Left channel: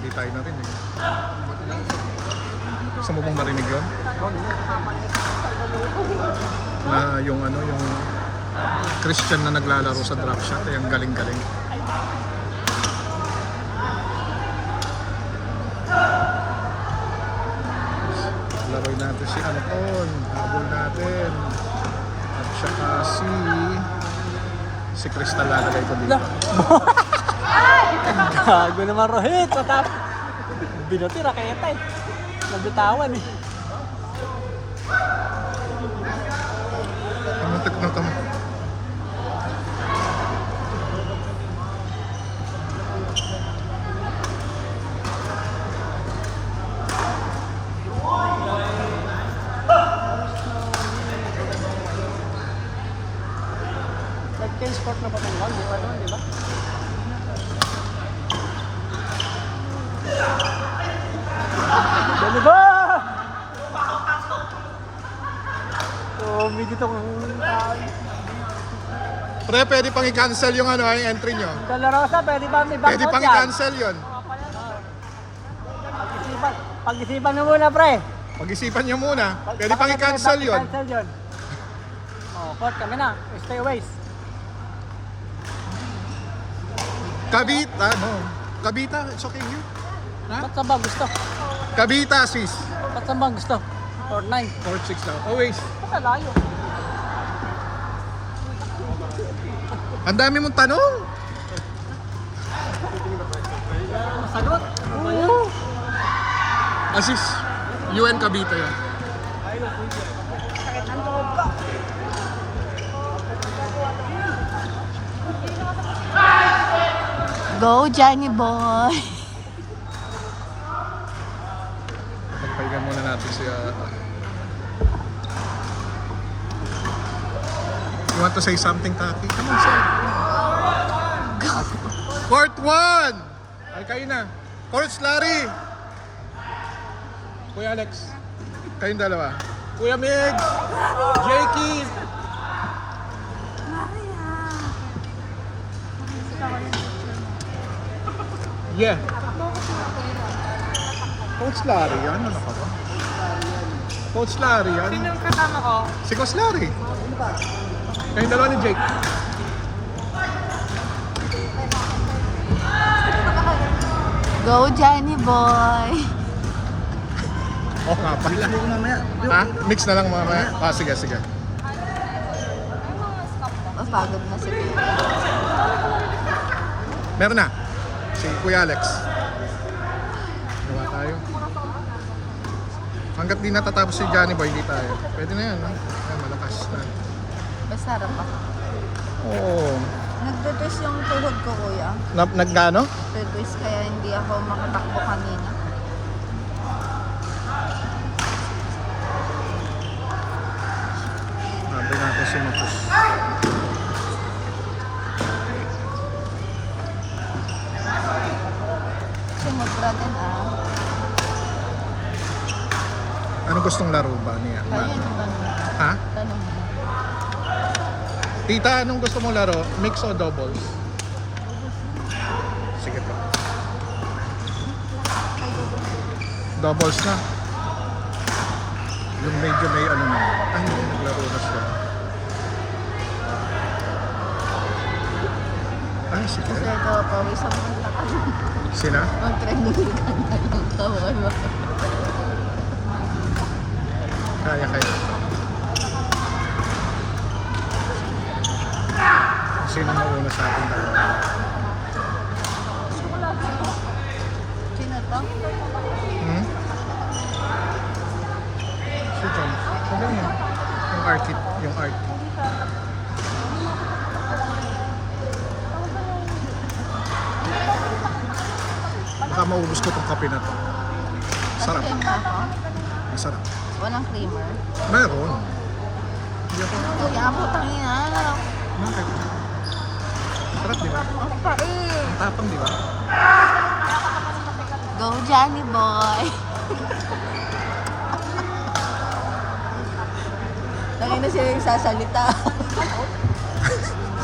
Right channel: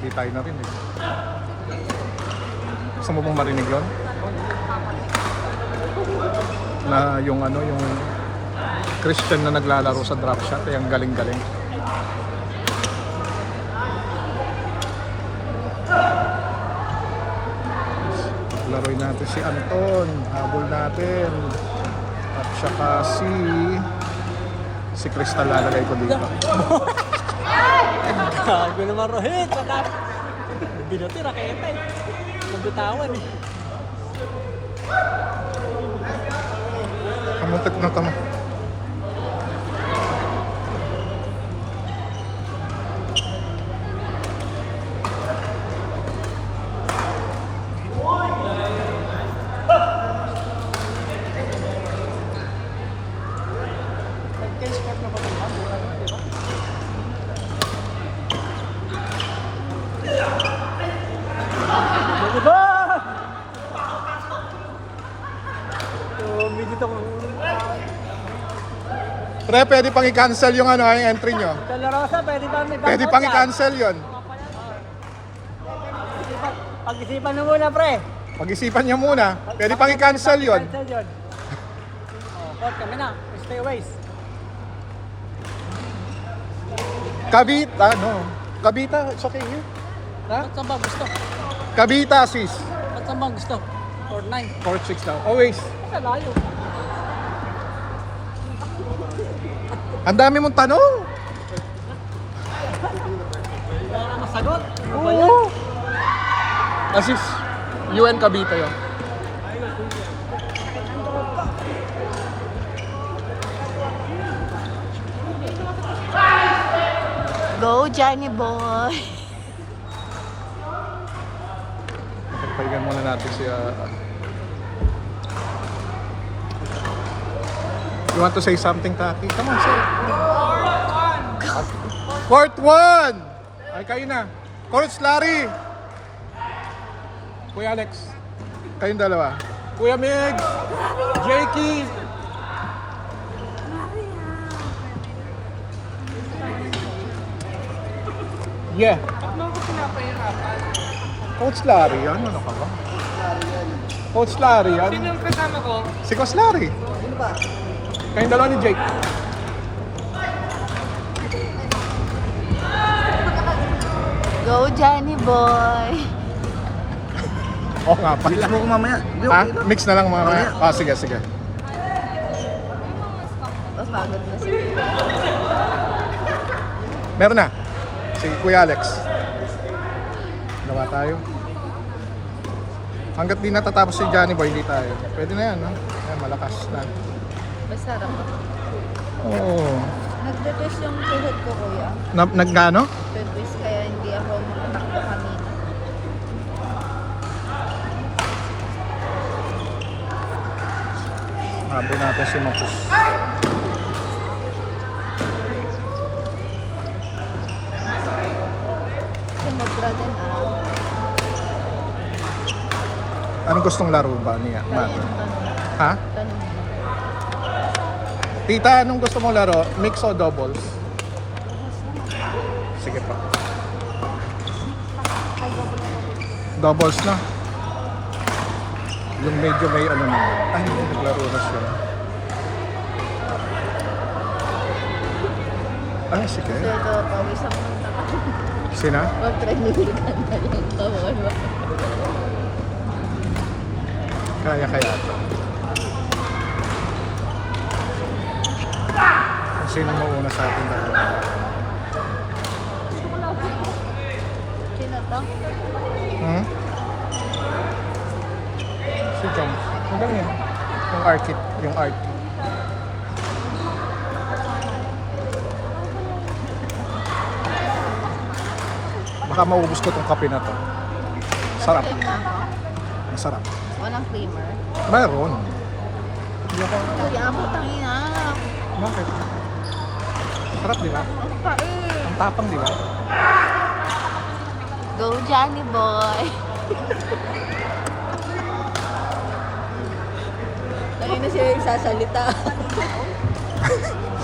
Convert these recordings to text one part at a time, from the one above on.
Nagbigay tayo na rin. Gusto mo bang marinig yun? Na yung ano, yung Christian na naglalaro sa drop shot, ay ang galing-galing. Laruin natin si Anton, habol natin. At saka si Crystal lalagay ko dito. Gago naman Rohit. Patap. Binuti raketa eh. Nabitawan eh. Kamuntak ng kamay. Pre, pwede pang i-cancel yung ano, yung entry nyo. Dolorosa, pwede ba may Pwede pang i-cancel yun. Pag-isipan na muna, pre. Pag-isipan nyo muna. Pwede pang i-cancel yun. Cancel yun. Put kami na. Stay away. Kabita, no? Kabita, it's okay yun. Ha? Ba't saan ba gusto? Kabita, sis. Ba't saan ba gusto? 4-9. 4-6 lang. Always. Sa layo. Ang dami mong tanong. Masagot. Oo. Asis, UN Kabita yan. Go, Johnny boy! Pagyan muna natin si... You want to say something, Kaki? Come on, say it. Fourth one! Ay, kayo na. Coach Larry! Kuya Alex. Kayong dalawa. Kuya Migs! Jakey! Yeah. Coach Larry, yan. Coach Larry, yan. Sino yung kasama ko? Si Coach Larry. Kayong dalawa ni Jake. Go, Johnny boy! Oo nga pala. Mix mo ko mamaya. Di, Ha? okay na. Mix na lang mga. Ah, sige, sige. Mapagod na si Meron na. Si Kuya Alex. Gawa tayo. Hanggat di natatapos si Johnny Boy, di tayo. Pwede na yan, no? Malakas na. Basta rin ako. Nagtutwist yung tuhod ko, kuya. Nagkano? Nagtutwist kaya hindi ako makatakbo kanina. Sabi natin si Matos. Sumobra din Anong gustong laro ba niya? Tanong, tanong. Ha? Tanong mo. Tita, anong gusto mong laro? Mix o doubles? Sige pa. Doubles na. Yung medyo ba yung ano na? Ay, hindi naglaro na siya. Ay, sige. Gusto ko pawis ang punta ka. Sina? Mag-treadmill ka na lang. Tawag ba? Kaya kaya. Sino na una sa atin? Sino to? Hmm? Si John. Sino yun? Yung architect. Yung art. Baka maubos ko itong kape na to. Sarap. Pagkain na ako. Masarap. Walang creamer. Mayroon. Kuya, putang ina. Bakit? Sarap, di ba? Ang pait. Ang tapang, di ba? Go, Johnny boy! Tangin na siya yung sasalita.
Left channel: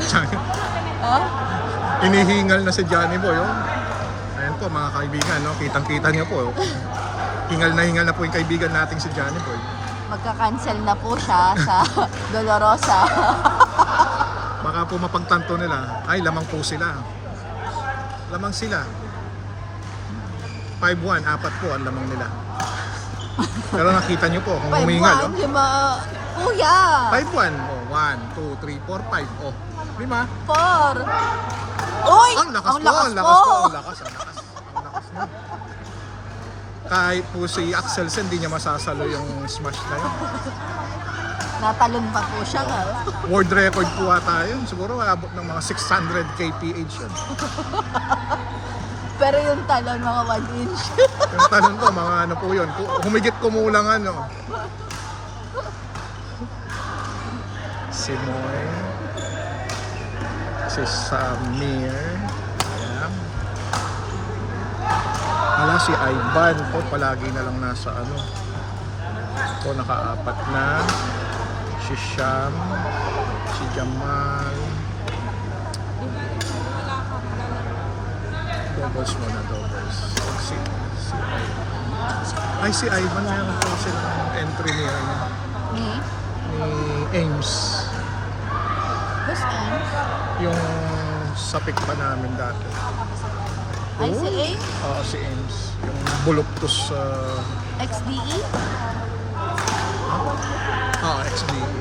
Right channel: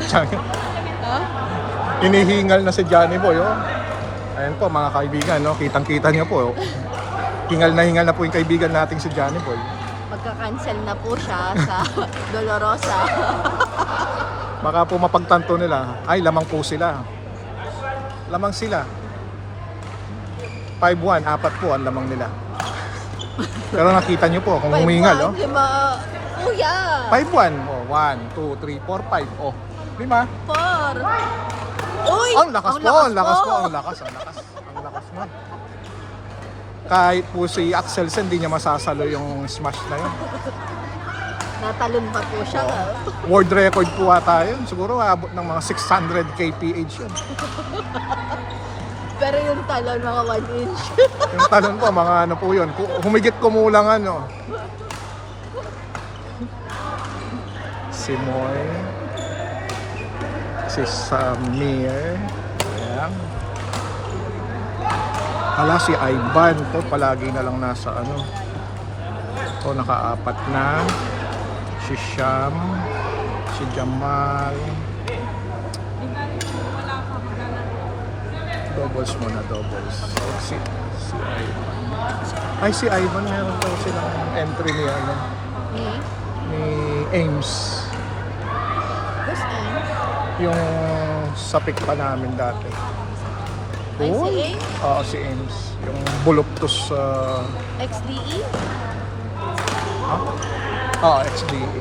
Johnny. Ha? Inihingal na si Johnny Boy, oh. Ayan, po mga kaibigan, no? Kitang-kita niyo po. Hingal na po yung kaibigan natin si Johnny Boy. Magka-cancel na po siya sa Dolorosa. Baka po mapagtanto nila, ay lamang po sila. Lamang sila. 5-1, 4 po ang lamang nila. Pero nakita niyo po kung humingal, no? Di ba? Kuya! 5-1. Oh, 1, 2, 3, 4, 5. Oh, 5. 4! Uy! Ang lakas po, ang lakas po, ang lakas mo. Kahit po si Axelsen, hindi niya masasalo yung smash na yun. Natalon pa po siya. World record po ata yun. Siguro aabot ng mga 600 kph yun. Pero yung talon, mga 1 inch. Yung tanong ko, mga ano po yun. Humigit kumulang ano. Si Moy. Si Samir. Ayan. Wala si Ivan. Ito palagi na lang nasa ano. Ito naka-4 na. Si Sham. Si Jamal. Doubles muna, doubles. Ay, si Ivan na naman po silang entry niya. Ano, Ni? ni Ames. Who's Ames? Yung sa pick pa namin dati. Ay, si Ames? Oo, si Ames. Yung buluptos sa... XDE? Oo, XDE.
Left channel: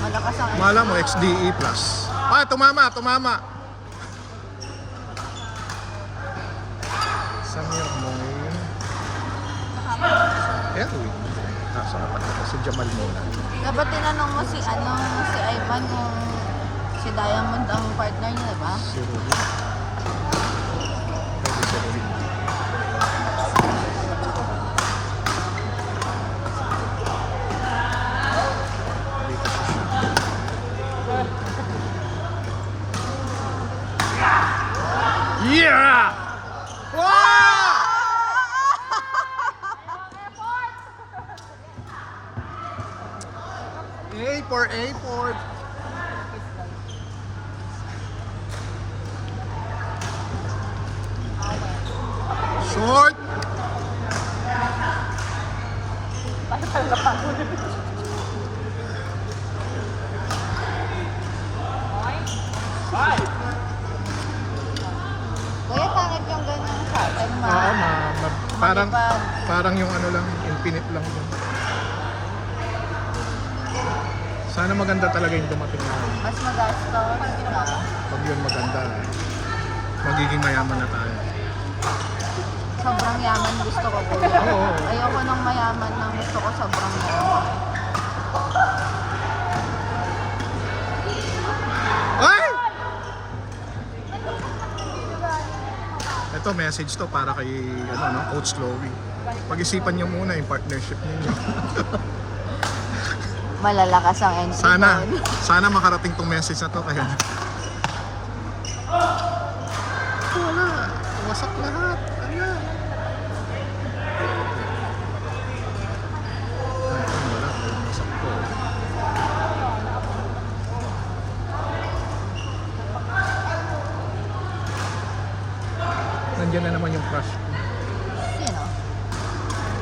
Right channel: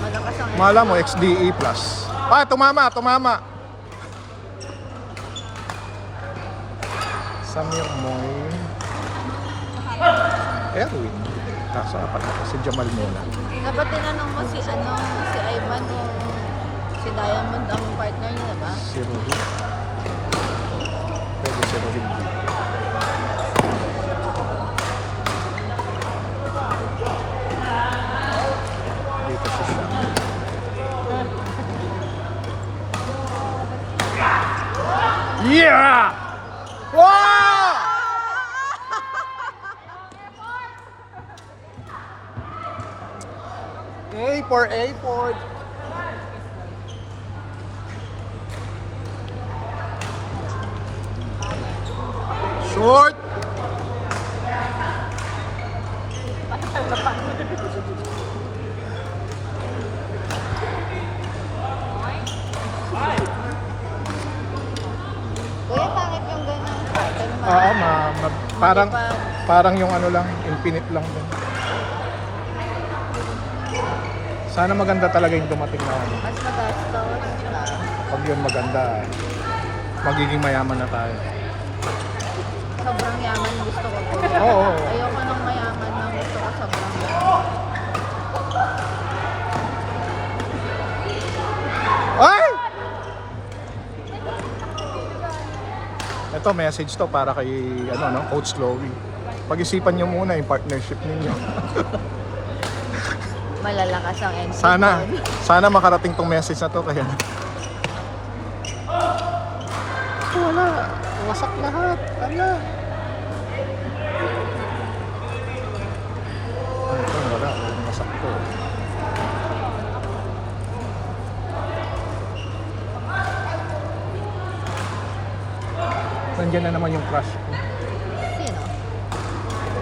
Malakas ang Mala mo, XDE plus. Tumama! Samir mo. Ayan, wait. Kaso si Jamal mo. Eh, ba't tinanong mo si Ivan kung si Diamond ang partner niya, diba? Si Rudy. Pwede si Rudy. Dito si Sam. Yeah! Wow! A4. Short. Kuya, pangit yung ganyan sa atin. Parang Malipad. parang yung ano lang, infinite lang. Sana maganda talaga yung dumating na. Mas magastos. Pag yung maganda, magiging mayaman na tayo. Sobrang yaman gusto ko, kuya. Oo. Ayoko nang mayaman na gusto ko sobrang yaman. Ay! Ito, message to para kay Coach Chloe. Pag-isipan niyo muna yung partnership ninyo. Malalakas ang entry Sana, doon. sana makarating tong message na to kaya. Wala, wasak lahat. Ano? Wala, wasak to. Nandiyan na naman yung flash ko. Sino?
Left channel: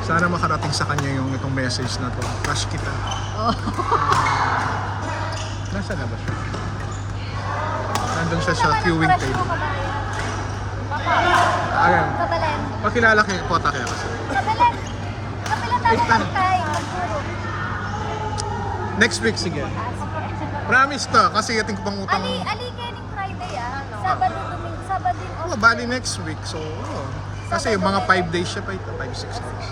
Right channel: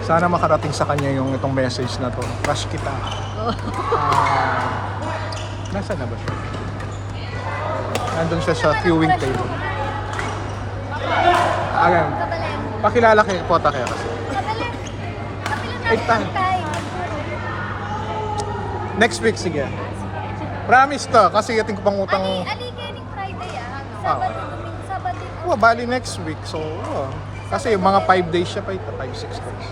Sana makarating sa kanya yung itong message na to. Flash kita. Oh. Nasaan na ba siya? Nandun siya sa queuing table. Alam. Pakilala kayo. Kota kaya kasi. Take time. Next week, sige. Promise to. Kasi yating ko pang utang. Aliganing Friday Sabado, Domingo, Sabado. Oh, bali next week. So, kasi yung mga 5 days siya pa ito. 5-6 days.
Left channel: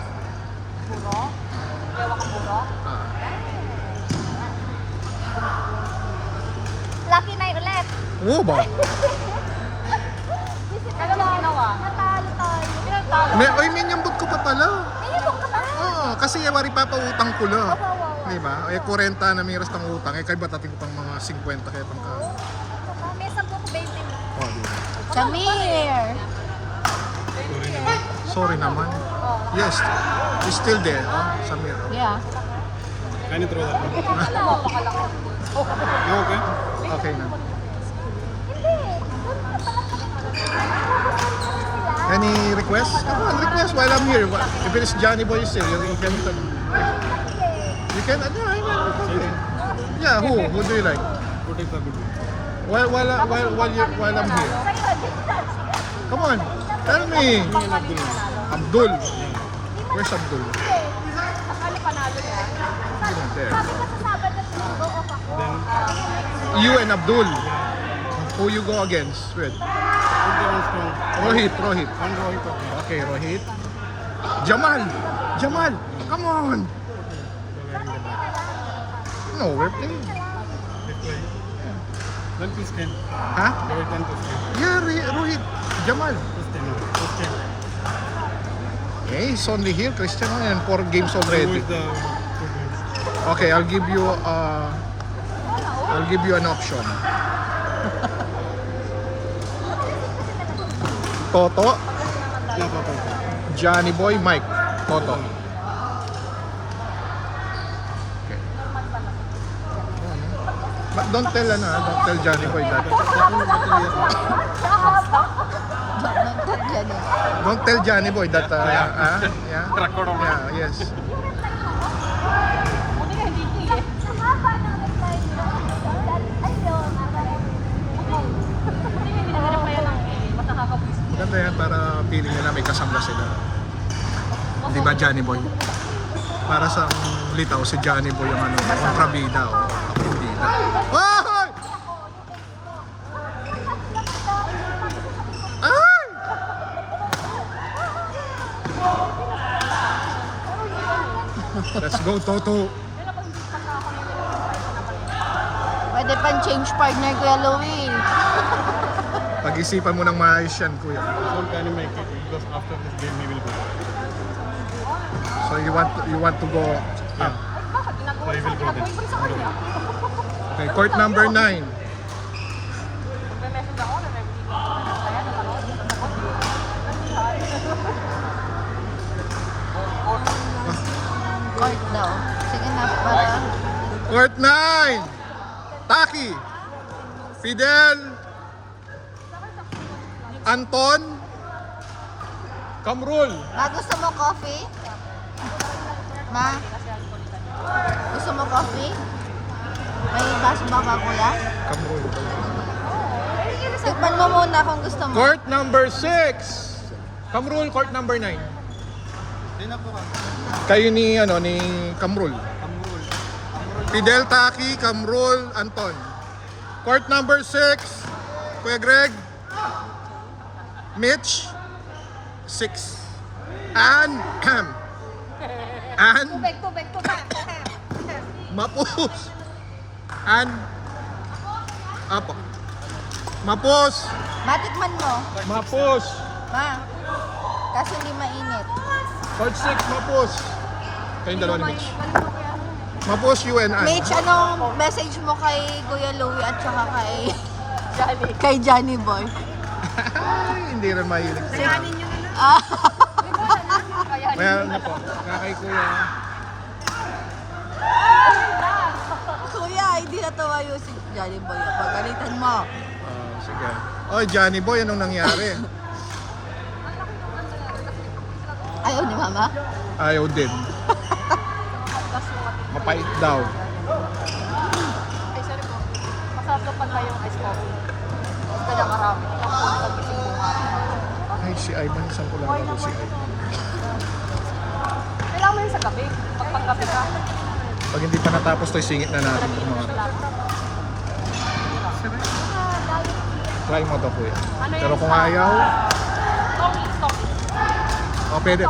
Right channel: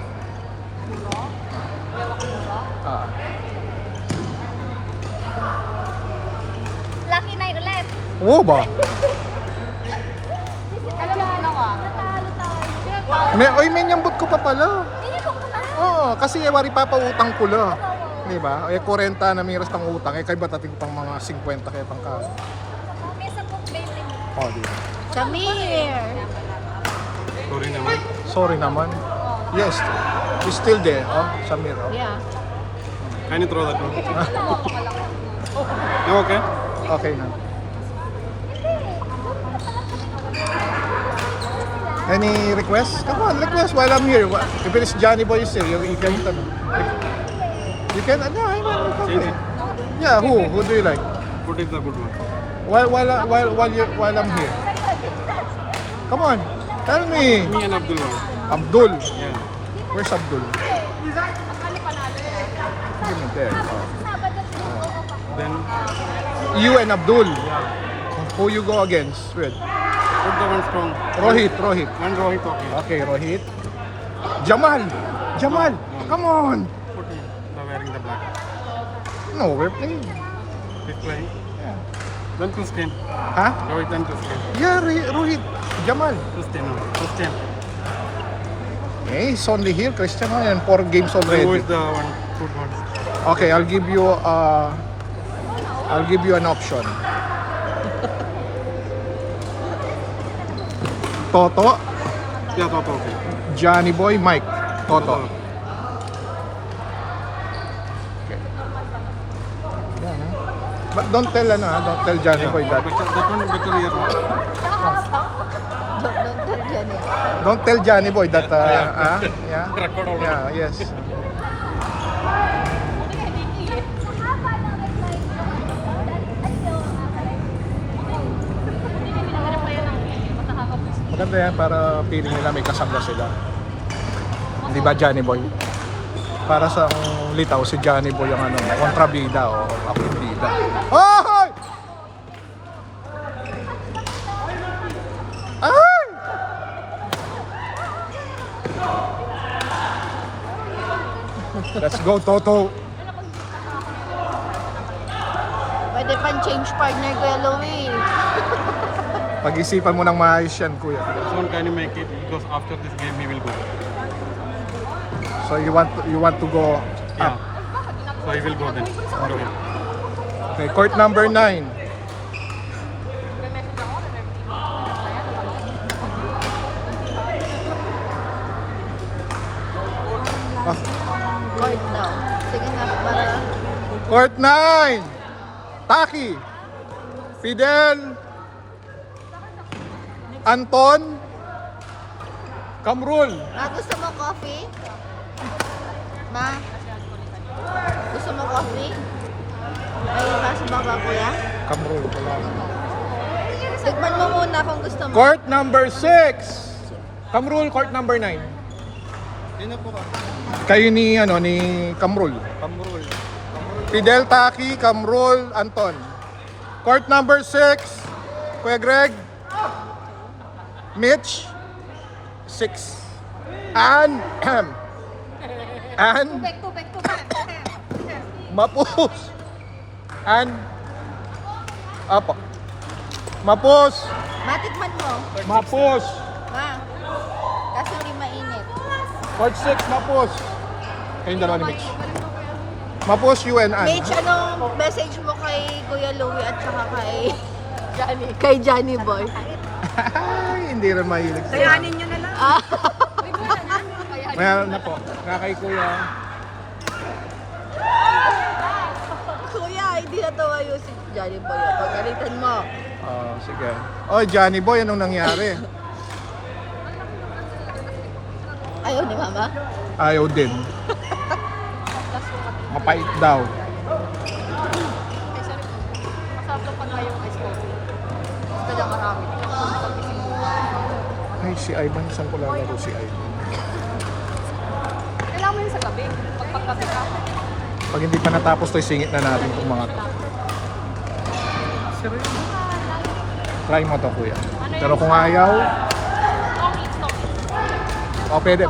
Lucky night ulit. Oo ba? May nyambot ko pa pala. Oo, kasi wari papautang ko lang. Diba? Eh, 40 na miras ng utang. Eh, kaya ba't natin pang mga 50 kaya pang kaya? May 10 20. Oh, diba? Samir! Sorry naman. Yes, he's still there. Oh, Samir. Oh. Yeah. Can you throw that one? You okay? Okay na. Any request? Come on, request while I'm here. If it is Johnny Boy is here, you can hit him. You can, See it. yeah, who? Who do you like? What is the good one? While I'm here. Come on, tell me. Me and Abdullah. Abdul. Where's Abdul? Then You and Abdul. Who you go against? With? put the one strong. Rohit. And Rohit okay. Okay, Rohit. Jamal. Come on. Put the wearing the black. No, we're playing. This way. Then to stand. Huh? Rohit and to stand. Yeah, Rohit. Jamal. To stand. To stand. Hey, he's only here. Christian and 4 games Who already. is the one? Good one. Okay, I'll give you an option. Toto, Yeah, Toto okay. Johnny Boy, Mike. Toto. But don't tell Johnny Boy that. That one better is Don't tell Johnny Boy that. Yeah. record already. Yeah, yes. Maganda yan para feeling nila may kasama sila. Di ba Johnny Boy? Para sa litaw si Johnny Boy ang kontrabida o akubida. Ay! Ay! Let's go, Toto. Pwede pang change partner Kuya Louie. Pag-isipan mo ng maayos yan, kuya. Soon can you make it because after this game he will go. So you want to go. Yeah. So he will go then. Okay, court number 9. Court daw. Sige na, para... Court 9. Taki. Fidel. Anton. Kamrul. Ma, gusto mo coffee? Ma? Gusto mo coffee? May baso ba ka, kuya? Kamrul. Tikman mo muna kung gusto mo. Court number 6. Kamrul, court number 9. Sino po ka? Kayo ni Kamrul. Kamrul. Fidel, Taki, Kamrul, Anton. Court number 6. Kuya Greg. Mitch. 6. And Mapus. And Apo. Mapus. Matikman mo. Mapus. Ma. Kasi hindi mainit. Court 6, Mapus. Kayong dalawa ni Mitch. Mapus, you and I. Mitch, anong message mo kay Kuya Louie at saka kay Johnny Boy? Hindi rin mahilig. Dayanin nyo na lang. Ah, Mayroon na po. Nga kay Kuya. kuya, hindi natawa yung si Johnny Boy. Pagalitan mo. Sige. Oy, Johnny Boy, anong nangyari? Ayaw ni Mama? Ayaw din. Mapait daw. Ay, si Ivan, isang ko lang ito si Ivan. Kailangan mo yun sa gabi. Gabi ka. Pag hindi pa natapos to, singit na natin yung mga to. Try mo ito, kuya. Pero kung ayaw, pwede.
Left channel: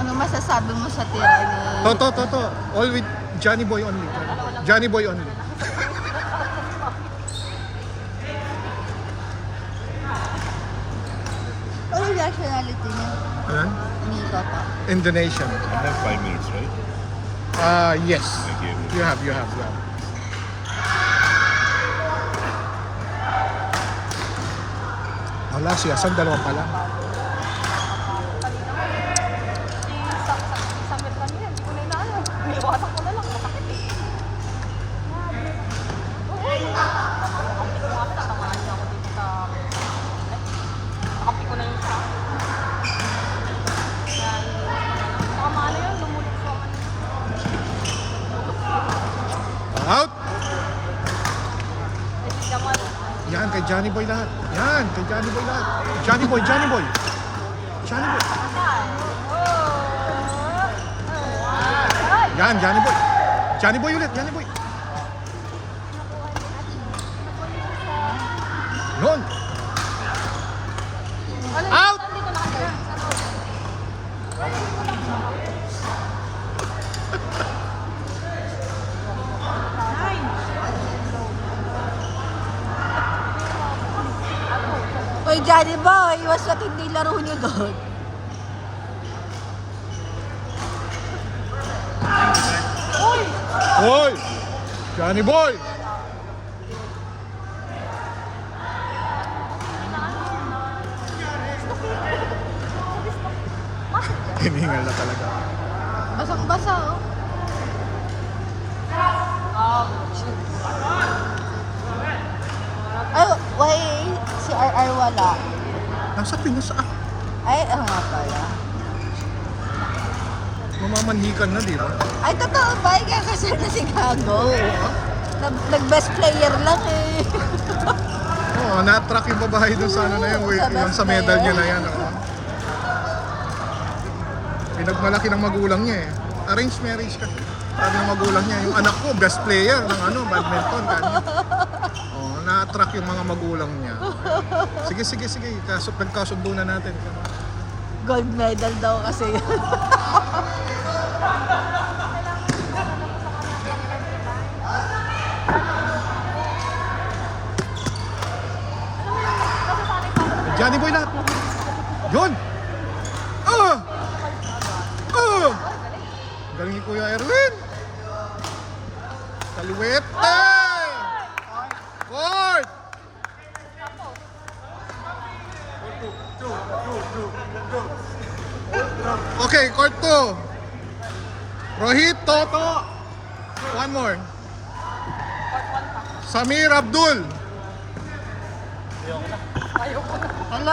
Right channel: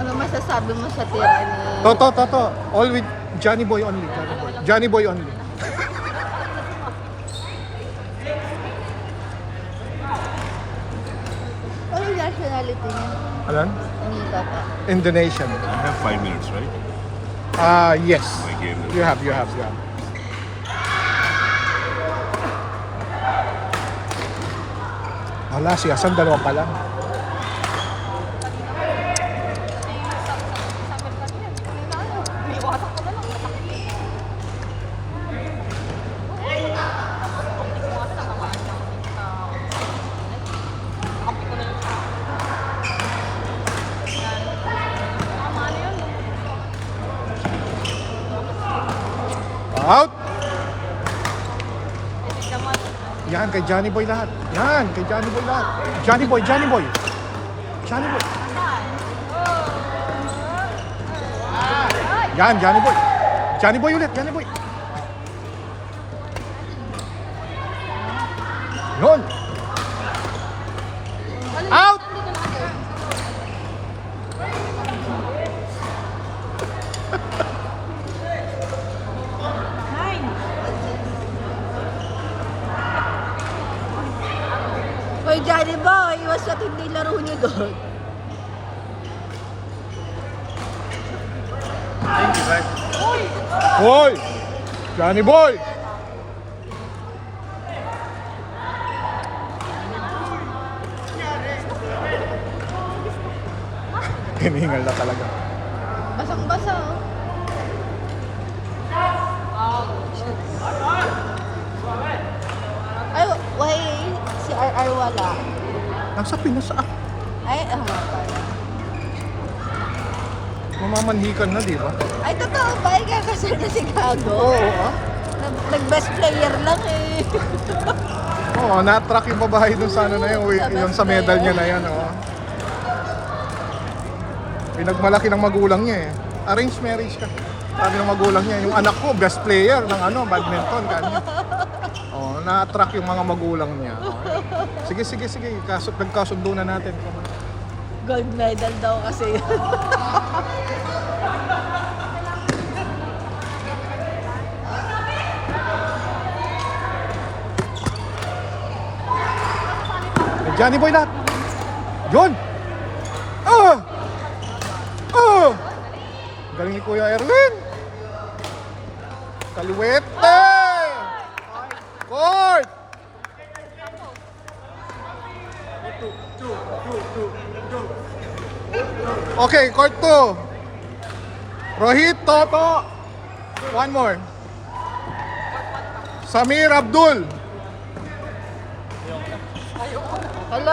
Ano masasabi mo sa tira ni... Toto. All with Johnny Boy only. Johnny Boy only. Ano yung nationality niya? Ayan? Ni Toto. Indonesian. 5 minutes, right? Yes. Okay. You have. Wala siya. Saan dalawa pa lang? Out! Yan, kay Johnny Boy lahat. Yan, kay Johnny Boy lahat. Johnny Boy, Johnny Boy. Johnny Boy. Yan, Johnny Boy. Johnny Boy ulit, Johnny Boy. Yun. Out! Hoy, Johnny Boy, iwas natin hindi laro niyo doon. Thank you, bye. Boy! Johnny Boy! Hiningal na talaga. Basang-basa, oh. Oh, why si RR wala? Nasa Pinas ah. Ay, nga pala. Mamamanhikan na, di ba? Ay, totoo ba? Ikakasal na si Gago. Nag-best player lang eh. Oo, na-track yung babae dun sa ano na yun. Sa Ilang sa best medal player. yun na yan. Oh. Pinagmalaki ng magulang niya eh. Arranged marriage ka. Sabi ng magulang niya, yung anak ko, best player ng ano, badminton. Ano. Oh, na-track yung mga magulang niya. Sige, sige, sige. Nagkasundo na natin. Gold medal daw kasi yun. Johnny Boy lahat. Yun! Oh! Oh! Galing ni Kuya Erwin. Kaliwete! Court! Okay, court 2. Rohit Toto. One more. Samir Abdul.